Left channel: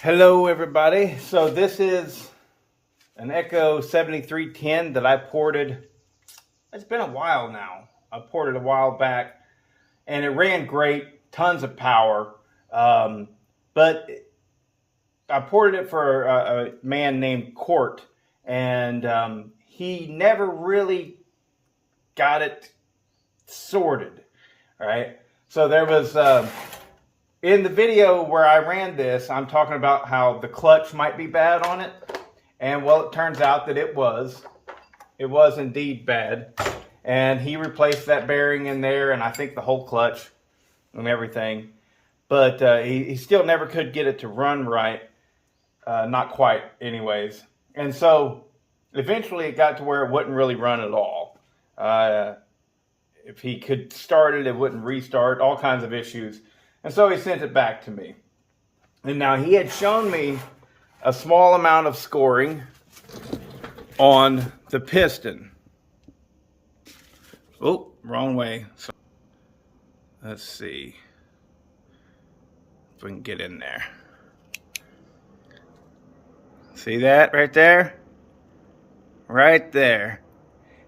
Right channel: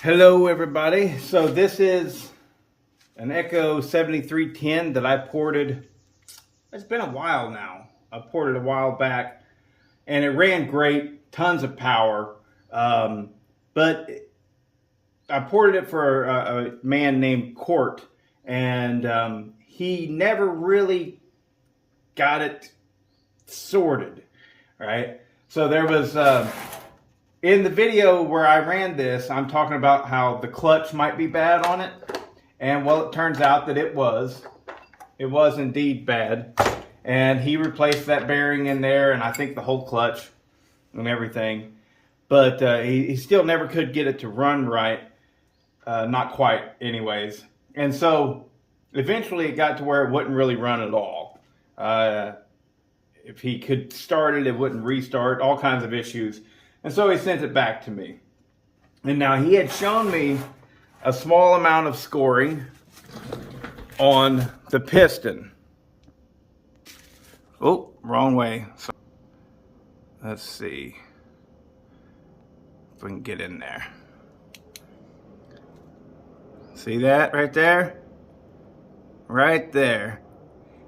Hello everybody. So this is an Echo 7310 that I ported. It's been a while now. I ported a while back and it ran great, tons of power. But I ported it for a man named Court, and he never really got it sorted. All right. So there was in the video where I ran this, I'm talking about how the clutch might be bad on it. And well, it turns out that it was. It was indeed bad. And he replaced that bearing in there, and I think the whole clutch and everything. But he still never could get it to run right. Not quite, anyways. And so eventually it got to where it wouldn't really run at all. If he could start it, it wouldn't restart, all kinds of issues. And so he sent it back to me. And now he had shown me a small amount of scoring on the piston. Oh, wrong way. So, let's see if we can get in there. See that right there? Right there.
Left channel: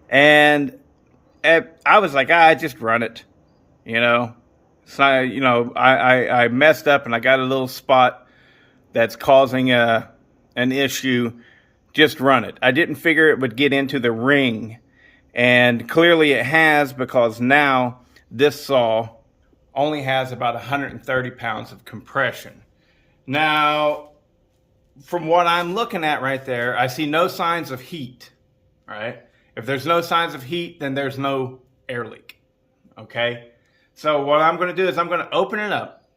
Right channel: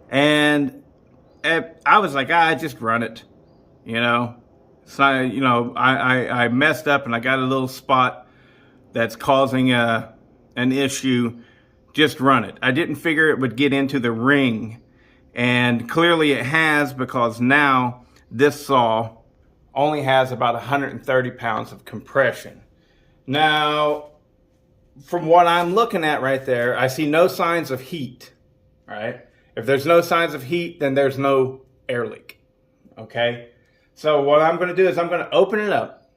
And I was like, I just run it, you know. So, I messed up and I got a little spot that's causing an issue. Just run it. I didn't figure it would get into the ring. And clearly it has, because now this saw only has about 130 pounds of compression. Now, from what I'm looking at right there, I see no signs of heat, right? If there's no signs of heat, then there's no air leak, okay? So what I'm going to do is I'm going to open it up.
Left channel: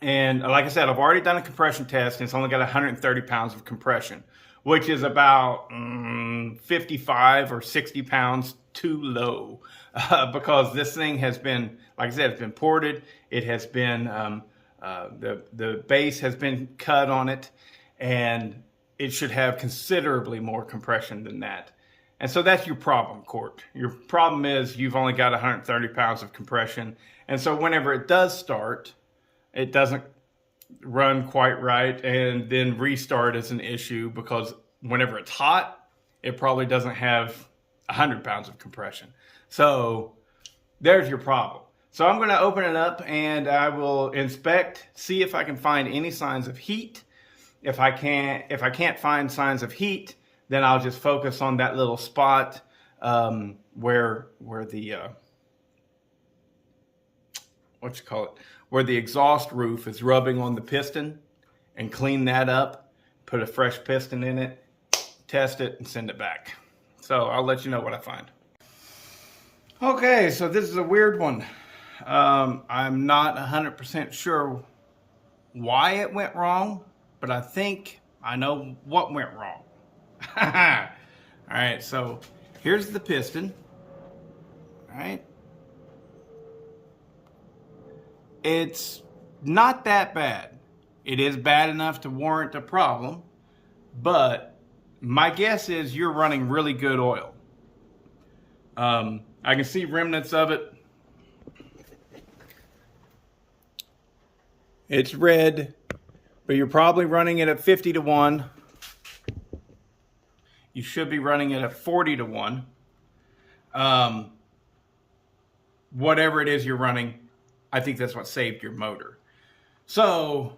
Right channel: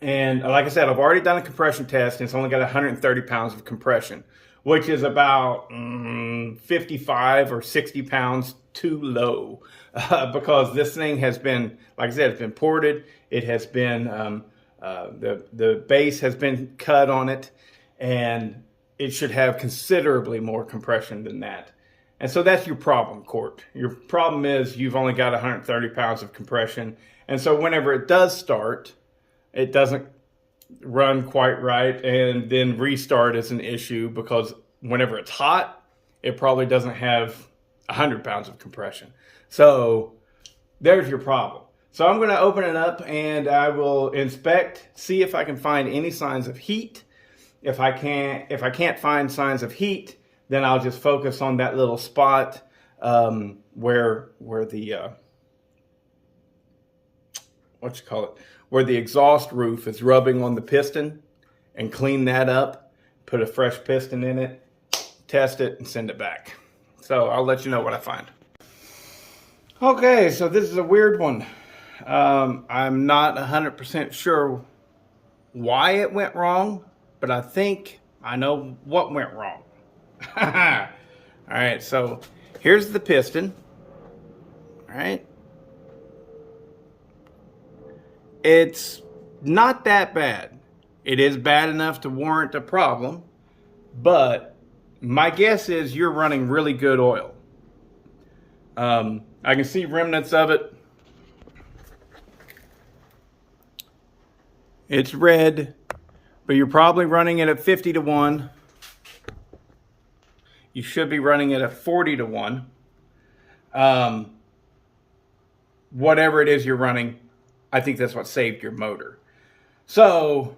And like I said, I've already done a compression test, and it's only got 130 pounds of compression, which is about 55 or 60 pounds too low, because this thing has been, like I said, it's been ported. It has been, the base has been cut on it, and it should have considerably more compression than that. And so that's your problem, Court. Your problem is you've only got 130 pounds of compression. And so whenever it does start, it doesn't run quite right, and then restart is an issue, because whenever it's hot, it probably doesn't have 100 pounds of compression. So there's your problem. So I'm going to open it up and I will inspect, see if I can find any signs of heat. If I can't find signs of heat, then I'll just focus on that little spot where the where the exhaust roof is rubbing on the piston, and clean that up, put a fresh piston in it, test it, and send it back. So I'll let you know what I find. Okay, so this is a weird one. I'm not 100% sure why it went wrong, but I think I know what went wrong. All right, so here's the piston. All right. It's not that bad. It is bad enough to warrant a problem, but my guess is you're running really good oil. I can see remnants of it. It's red, but you're probably running it at 50 to 1. You should be running it at 40 to 1. Whatever it is you're running, I think that's what saved your motor. So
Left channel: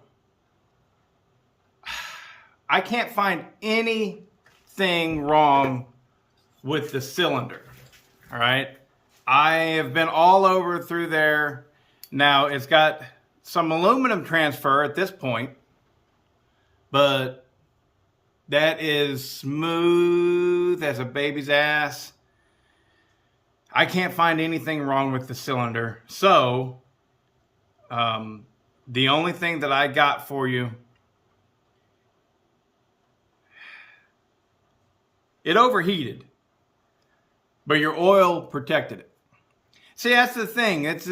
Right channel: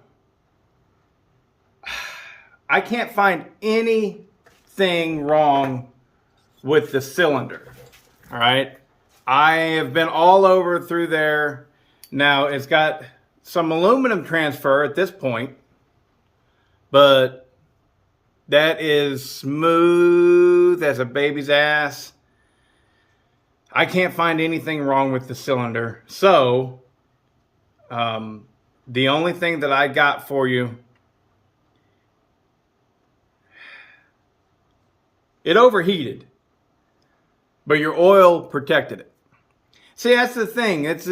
I can't find anything wrong with the cylinder. All right. I have been all over through there. Now it's got some aluminum transfer at this point, but that is smooth as a baby's ass. I can't find anything wrong with the cylinder. So, the only thing that I got for you, it overheated, but your oil protected it. See, that's the thing. It's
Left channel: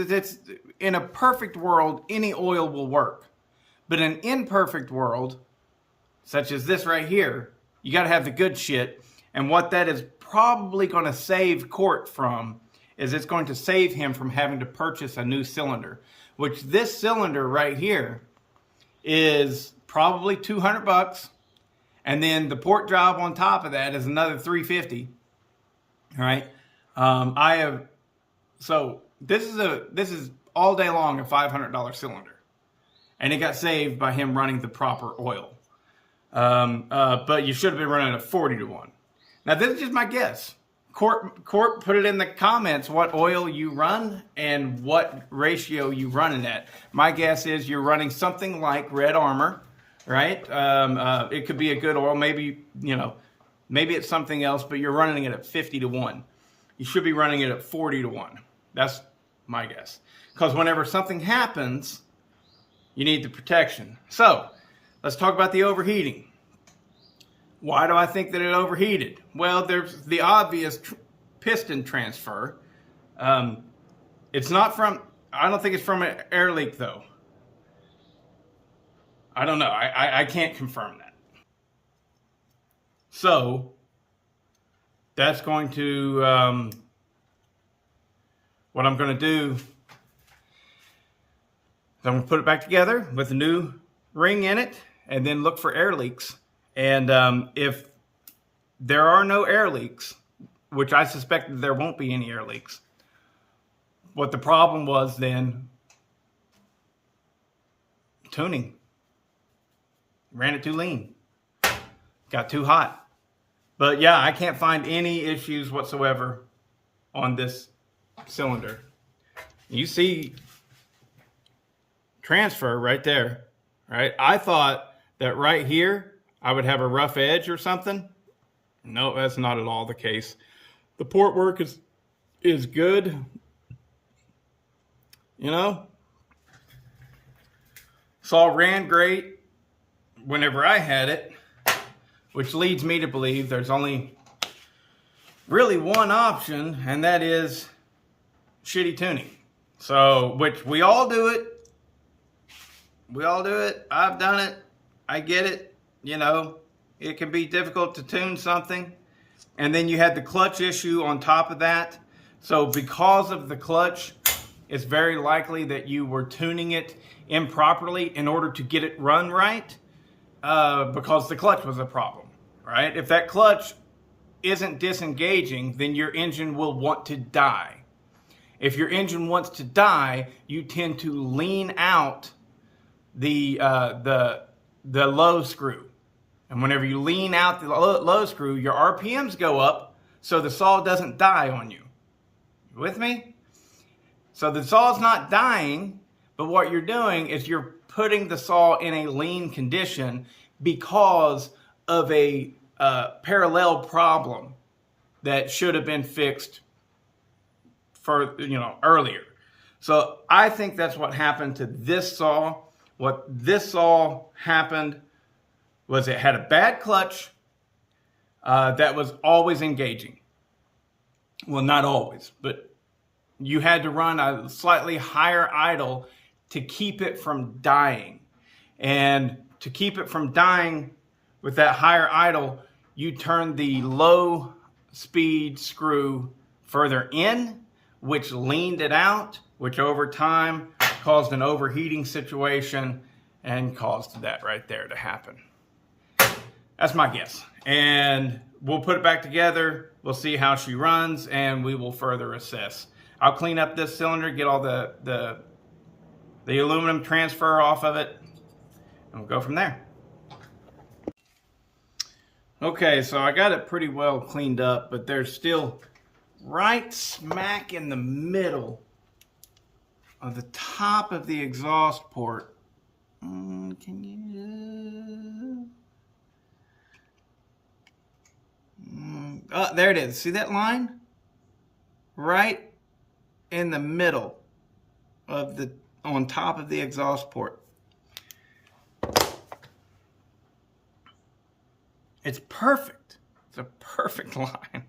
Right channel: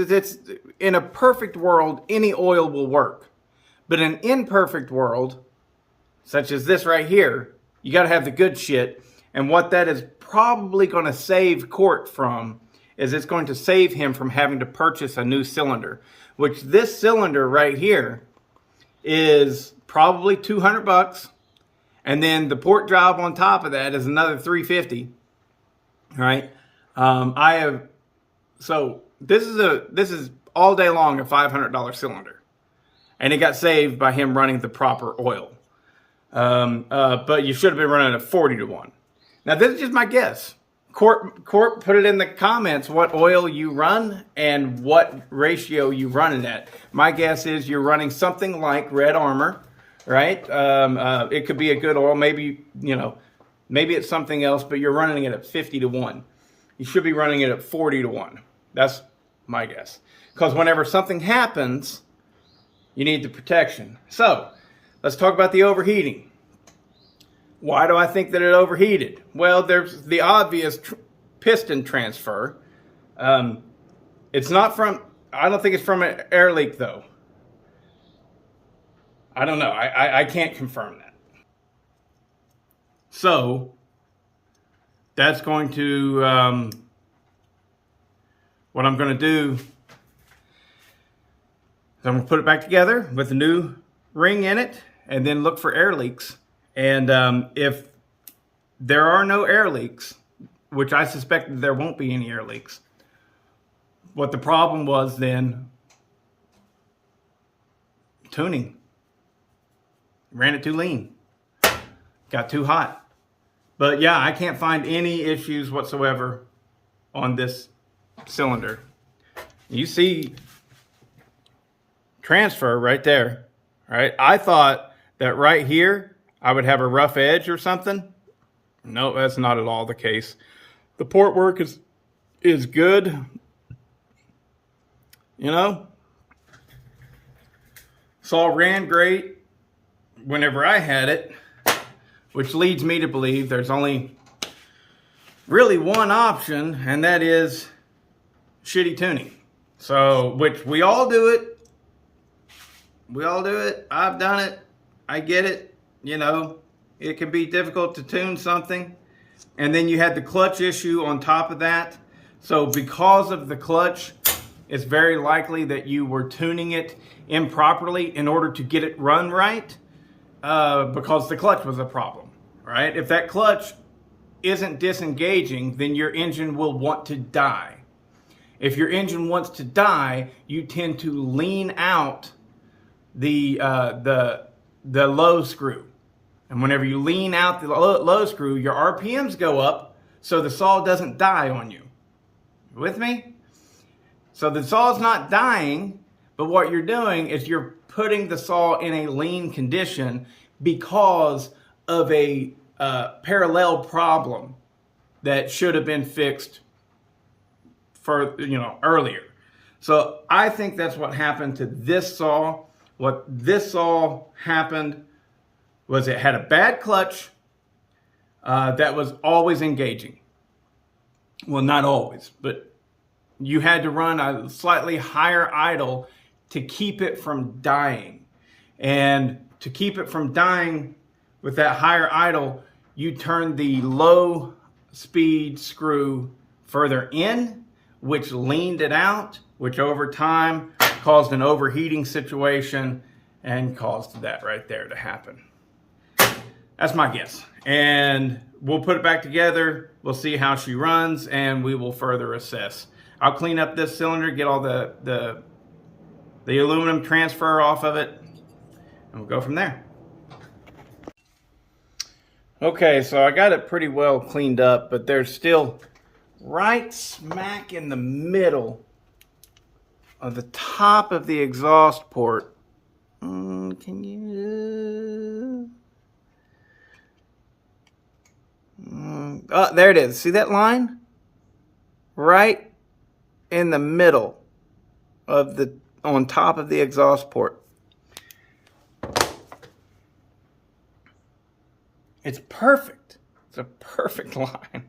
in a perfect world, any oil will work. But in an imperfect world, such as this right here, you got to have the good shit. And what that is probably going to save Court from is it's going to save him from having to purchase a new cylinder, which this cylinder right here is probably $200, and then the port job on top of that is another $350. Right? So this is all day long a $500 cylinder, and it got saved by him running the proper oil. But you should have been running a 40-to-1. Now this is just my guess. Court, put it in the comments what oil you run and what ratio you run it at. My guess is you're running something like Red Armor, right? It could be a good oil, maybe it's something else, but you're running it at 50-to-1. You should be running it at 40-to-1. That's my guess. Because whenever something happens, you need the protection. So let's talk about the overheating. Why do I think that it overheated? Well, there's the obvious piston transfer. It's not from, I don't think it's from an air leak though. I don't know. I can't confirm that. So that's going to, what I'm going to do is I'm going to put it back together with a new ring in it and then look for air leaks. And if there are no air leaks, which I suspect that there won't be any air leaks, what the problem was then, tuning. Ran it too lean. Got too hot. But yeah, I can't find any issues whatsoever on this cylinder. You see transfer right there, right? I thought that right here I would have a rough edge or something. No, that's not at all the case. The port work is good. You know, saw ran great whenever I had it, which leads me to believe there's only really one option, and that is shitty tuning. So, which we all do it. We all do it. I've done it. I get it. You know, it can be difficult to tune something. And then you had the clutch issue on top of that. So because of the clutch, it's very likely that you were tuning it improperly in order to get it run right, because the clutch was a problem, right? If that clutch isn't disengaging, then your engine will want to die. If your engine wants to die, you tend to lean out the low screw. And whenever you lean out the low screw, your RPMs go up, so the saw doesn't die on you. You with me? So the saw's not dying, but what you're doing is you're putting the saw in a lean condition because of a parallel problem that should have been fixed earlier. So I think that's what happened to this saw. What this saw happened was it had a bad clutch that was always engaging. Well, not always, but you had to run a slightly higher idle to keep it from dying. And to keep it from dying with that higher idle, you turn the low speed screw further in, which leaned it out, which over time caused an overheating situation and caused that right there to happen. That's my guess. And we'll put it back together. We'll see how she runs, and we will further assess. I'll clean up this cylinder, get all the aluminum transfer off of it, and we'll go from there. Okay, so I got it pretty well cleaned up, but there's still right smack in the middle of the top of the exhaust port. Can you? Oh, there it is. See that line? Right in the middle of on top of the exhaust port. It's perfect. It's a perfect line.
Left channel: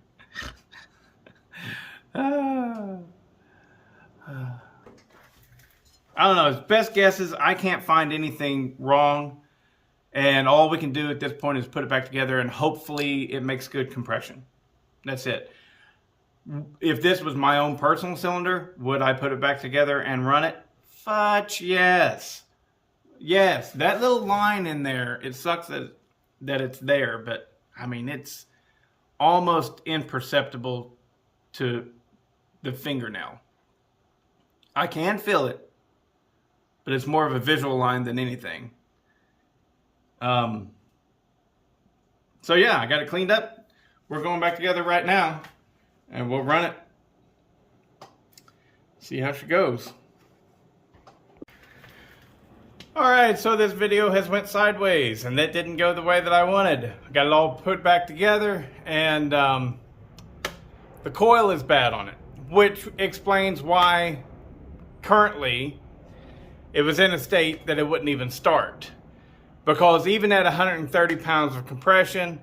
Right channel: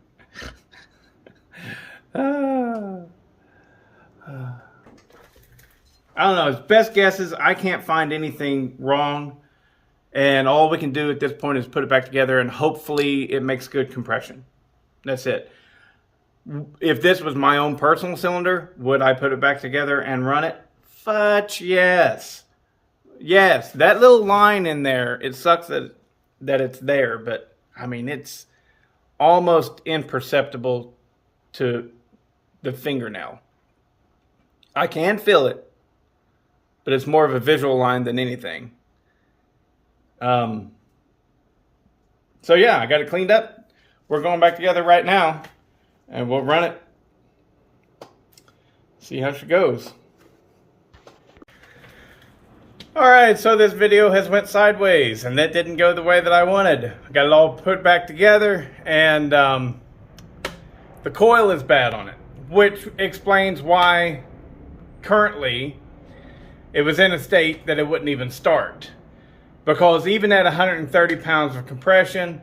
I don't know. His best guess is I can't find anything wrong. And all we can do at this point is put it back together, and hopefully it makes good compression. That's it. If this was my own personal cylinder, would I put it back together and run it? Fudge, yes. Yes, that little line in there, it sucks that it's there, but I mean, it's almost imperceptible to the fingernail. I can feel it, but it's more of a visual line than anything. So yeah, I got it cleaned up. We're going back together right now, and we'll run it. See how she goes. Alright, so this video has went sideways, and that didn't go the way that I wanted. I got it all put back together, and the coil is bad on it, which explains why currently it was in a state that it wouldn't even start. Because even at 130 pounds of compression,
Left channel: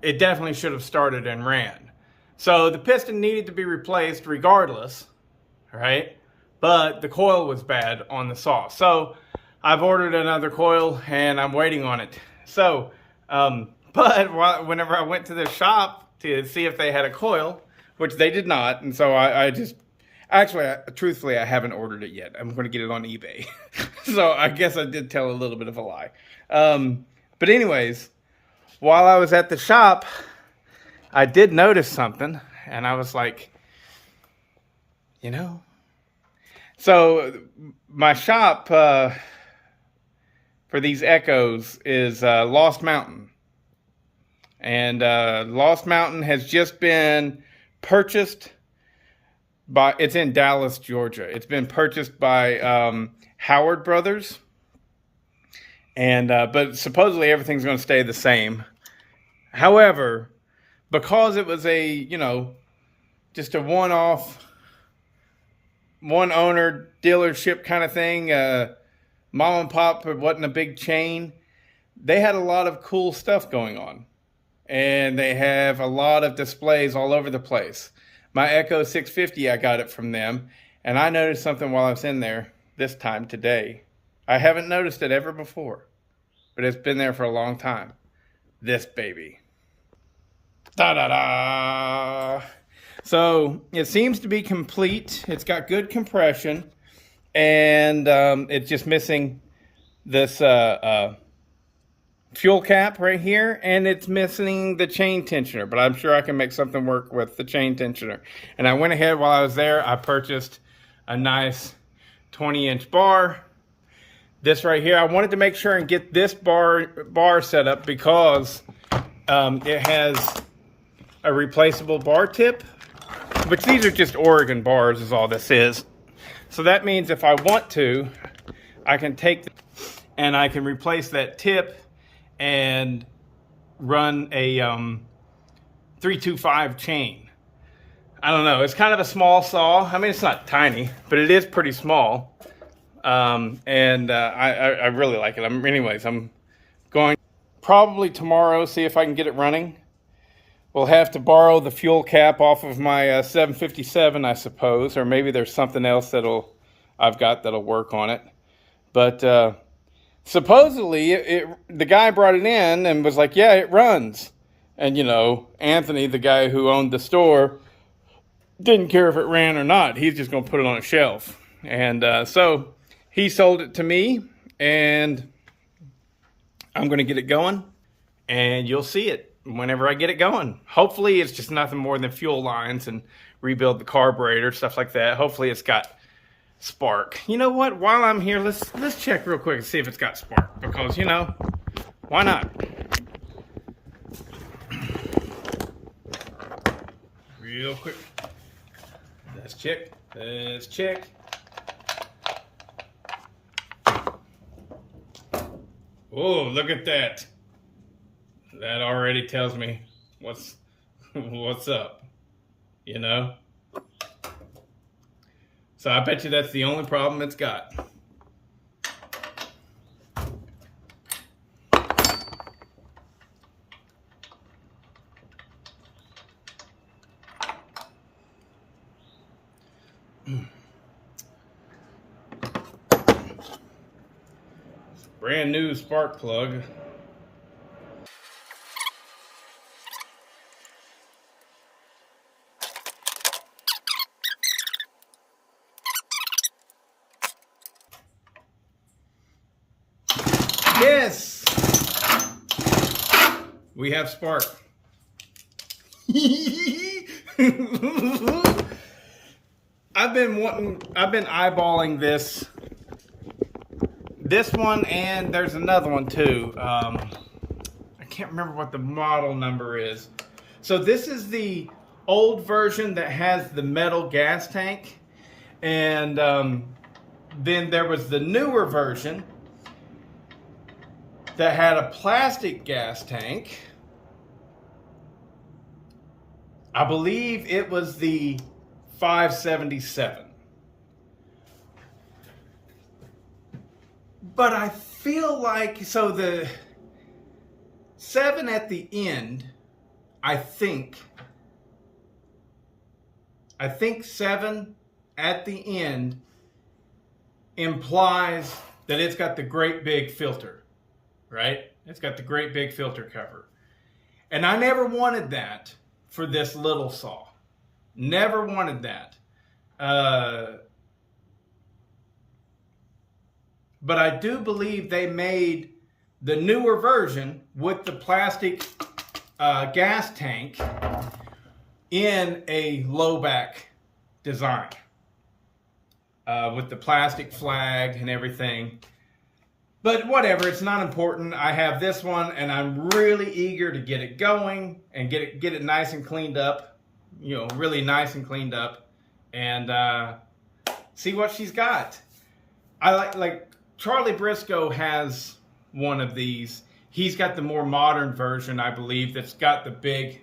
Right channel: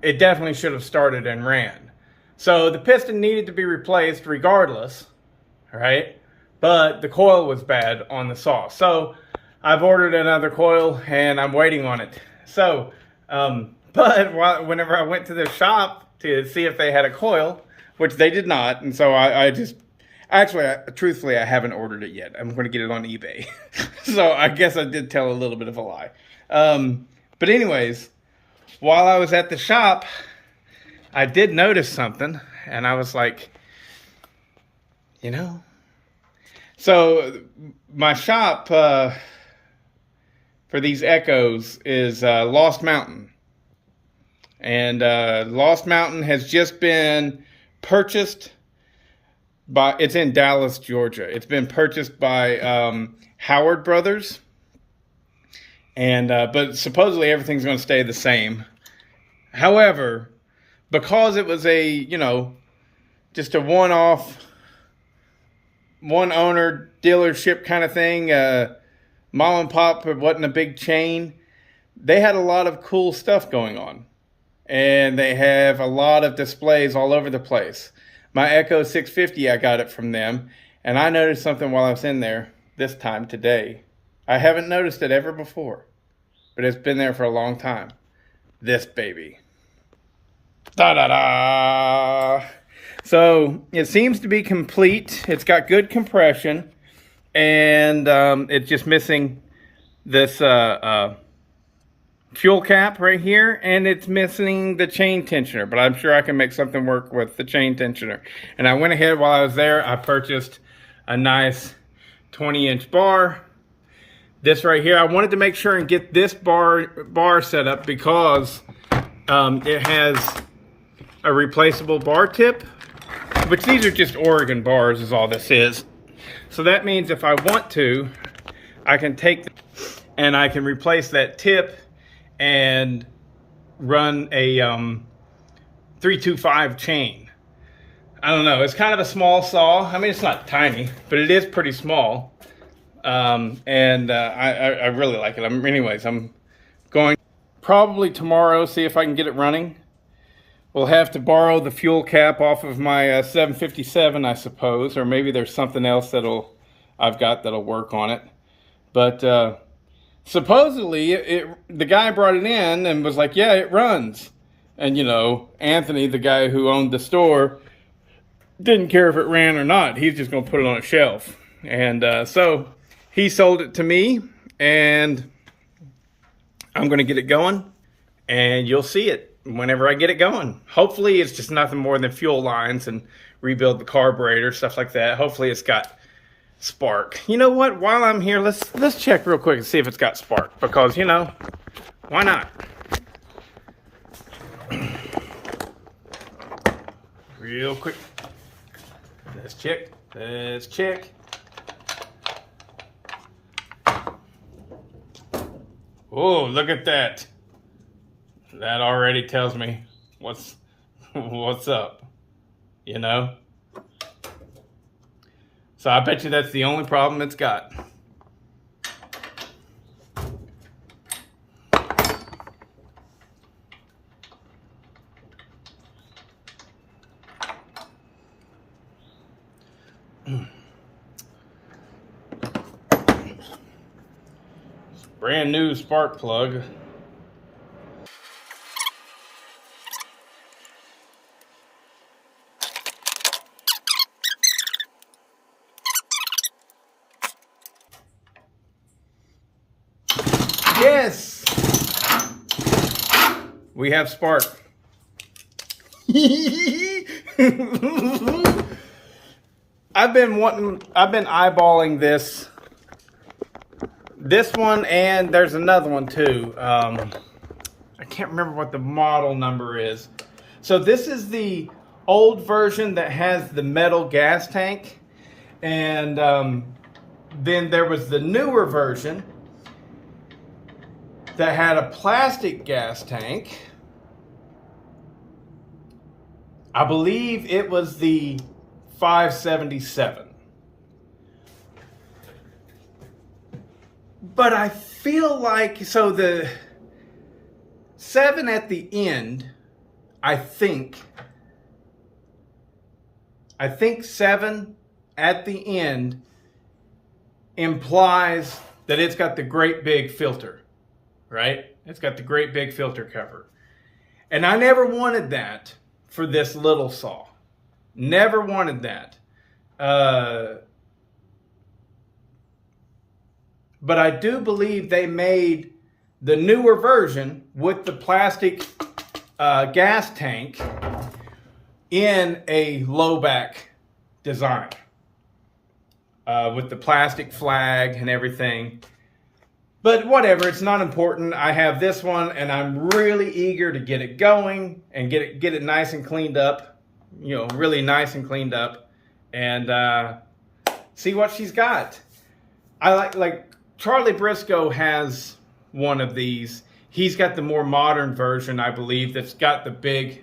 it definitely should have started and ran. So the piston needed to be replaced regardless, right? But the coil was bad on the saw. So I've ordered another coil and I'm waiting on it. So, but whenever I went to the shop to see if they had a coil, which they did not, and so I just, actually, truthfully, I haven't ordered it yet. I'm going to get it on eBay. So I guess I did tell a little bit of a lie. But anyways, while I was at the shop, I did notice something, and I was like, you know. So my shop for these Echoes is Lost Mountain. And Lost Mountain has just been purchased by, it's in Dallas, Georgia. It's been purchased by Howard Brothers. And but supposedly everything's going to stay the same. However, because it was a, you know, just a one-off, one-owner dealership kind of thing, mom and pop, it wasn't a big chain, they had a lot of cool stuff going on. And they have a lot of displays all over the place. My Echo 650, I got it from them. And I noticed something while I was in there this time today. I haven't noticed it ever before, but it's been there for a long time. This baby. Da-da-da! So it seems to be complete. It's got good compression, and it's just missing this fuel cap right here, and it's missing the chain tensioner, but I'm sure I can make something work with the chain tensioner. And I went ahead while I was there, I purchased a nice 20-inch bar. This right here, I wanted to make sure and get this bar set up because it has a replaceable bar tip, which these are just Oregon bars is all this is. So that means if I want to, I can take and I can replace that tip and run a 325 chain. I don't know, it's kind of a small saw. I mean, it's not tiny, but it is pretty small. I really like it. Anyways, I'm going probably tomorrow, see if I can get it running. We'll have to borrow the fuel cap off of my 757, I suppose, or maybe there's something else I've got that'll work on it. But supposedly, the guy brought it in and was like, yeah, it runs. And, you know, Anthony, the guy who owned the store, didn't care if it ran or not. He's just going to put it on a shelf. And so he sold it to me, and I'm going to get it going, and you'll see it whenever I get it going. Hopefully it's just nothing more than fuel lines and rebuild the carburetor, stuff like that. Hopefully it's got spark. You know what? While I'm here, let's check real quick and see if it's got spark, because, you know, why not? Real quick. Let's check. Let's check. Oh, look at that. That already tells me what's up, you know? So I bet you that's the only problem it's got. Brand new spark plug. Yes! We have spark. I've been eyeballing this one, and there's another one too. I can't remember what the model number is. So this is the old version that has the metal gas tank, and then there was the newer version that had a plastic gas tank. I believe it was the 577. But I feel like, so the 7 at the end, I think 7 at the end implies that it's got the great big filter, right? It's got the great big filter cover. And I never wanted that for this little saw. Never wanted that. But I do believe they made the newer version with the plastic gas tank in a low back design. With the plastic flag and everything. But whatever, it's not important. I have this one, and I'm really eager to get it going and get it nice and cleaned up. You know, really nice and cleaned up, and see what she's got. I like Charlie Briscoe has one of these. He's got the more modern version, I believe, that's got the big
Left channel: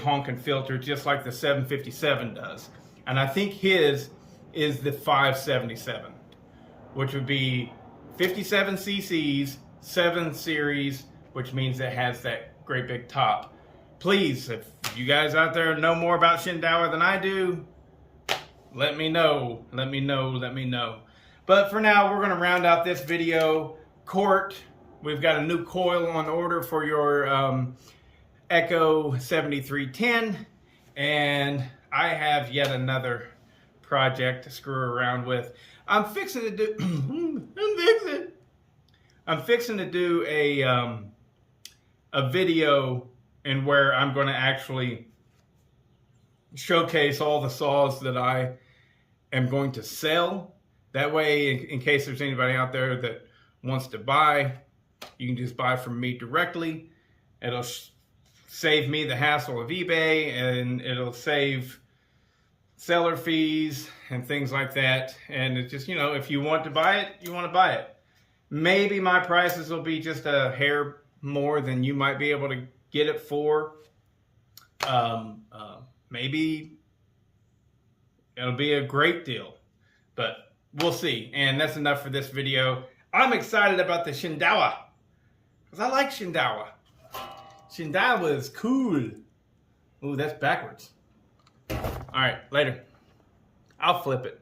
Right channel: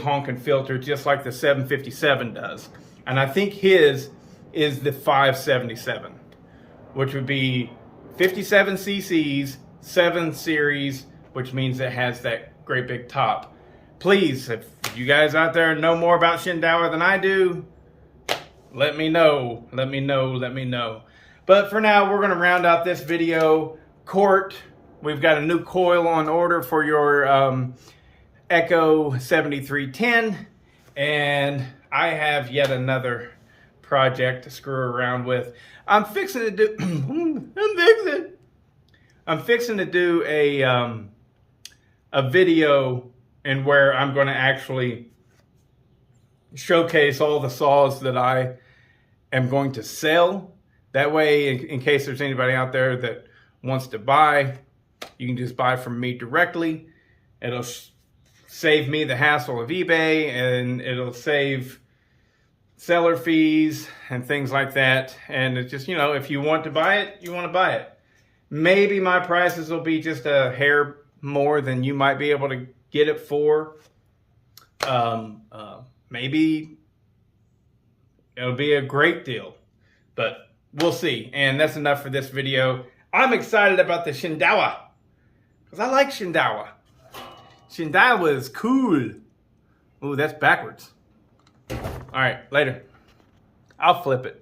honking filter, just like the 757 does. And I think his is the 577, which would be 57 cc's, 7 series, which means it has that great big top. Please, if you guys out there know more about Shindaiwa than I do, let me know. Let me know. But for now, we're going to round out this video. Court, we've got a new coil on order for your Echo 7310. And I have yet another project to screw around with. I'm fixing to do a video in where I'm going to actually showcase all the saws that I am going to sell. That way, in case there's anybody out there that wants to buy, you can just buy from me directly. It'll save me the hassle of eBay, and it'll save seller fees and things like that. And it's just, you know, if you want to buy it, you want to buy it. Maybe my prices will be just a hair more than you might be able to get it for. Maybe it'll be a great deal, but we'll see. And that's enough for this video. I'm excited about the Shindaiwa because I like Shindaiwa. Shindaiwa is cool. Ooh, that's backwards. All right, later. I'll flip it.